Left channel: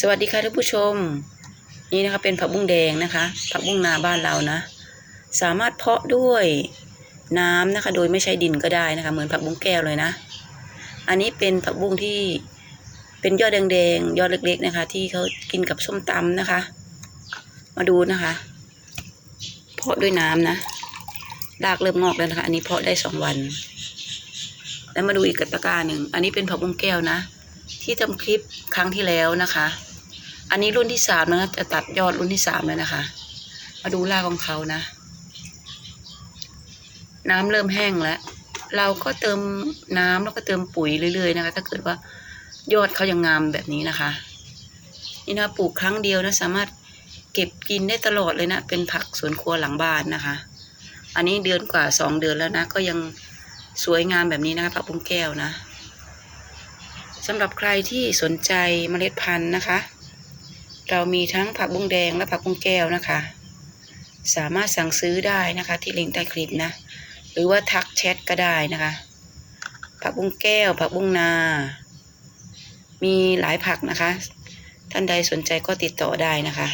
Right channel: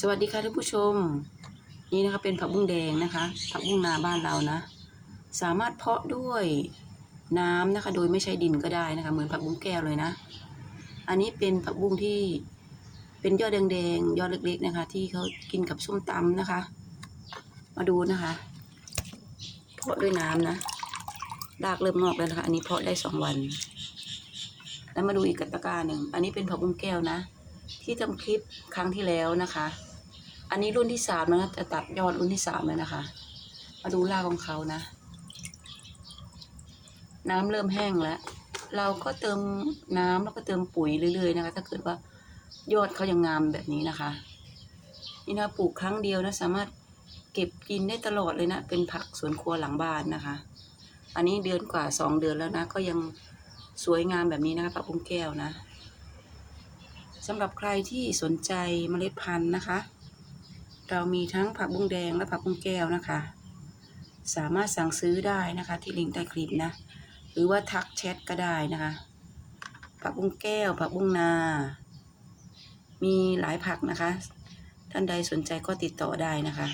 สวัสดีค่ะท่านผู้ชม นี่นะคะเป็นผักบุ้งแดงนะคะ ผักบุ้งนาบ้านเรานะ สามารถเพาะด้วยน้ำนะคะ โดยไม่ใช้ดินก็ได้นะคะ เหมือนผักบุ้งแก้วเลยนะ อันนี้เป็นผักบุ้งที่เป็นยอดแดงๆยอดเล็ก ๆนะคะ ที่เขากินกับส้มตำนะคะ มาดูนะคะ เพาะด้วยน้ำนะรากเริ่มงอกแล้วนะคะ อันนี้เพาะได้สองวัน แล้วมาดูอีกกตะกาหนึ่งอันนี้เป็นผักบุ้งแก้วนะ ที่ทำคลิปครั้งที่แล้วนะคะ อันนี้รุ่นที่สามนะจะตัดยอดรุ่นที่สามเลยนะคะ มาดูรากของเขานะ น้ำเริ่มแห้งแล้ว เราก็เติมน้ำแล้วก็เติมปุ๋ยเรื่อยๆนะคะ ถ้าเกิดว่ายอดเขายังงามแบบนี้นะคะ นี่นะปลูกครั้งเดียวนะ สามารถเก็บกินได้ตลอดเลยนะ เป็นผักสวนครัวหลังบ้านนะคะ อันนี้เดือนกว่าสองเดือนแล้วนะ ก็ยังสวยงามแบบนี้นะคะผักบุ้งแก้วนะ สำหรับใครที่สนใจเมล็ดพันธุ์นะคะ เรามีทั้งผักบุ้งแดงและผักบุ้งแก้วนะคะ สามารถสั่งซื้อได้นะคะที่ลิงก์ใต้คลิปนะ หรือว่าทักแชทก็ได้นะคะ ผักบุ้งแก้ว ผักบุ้งนา มีหลายผักนะคะ ท่านใดสนใจก็ติดต่อได้นะคะ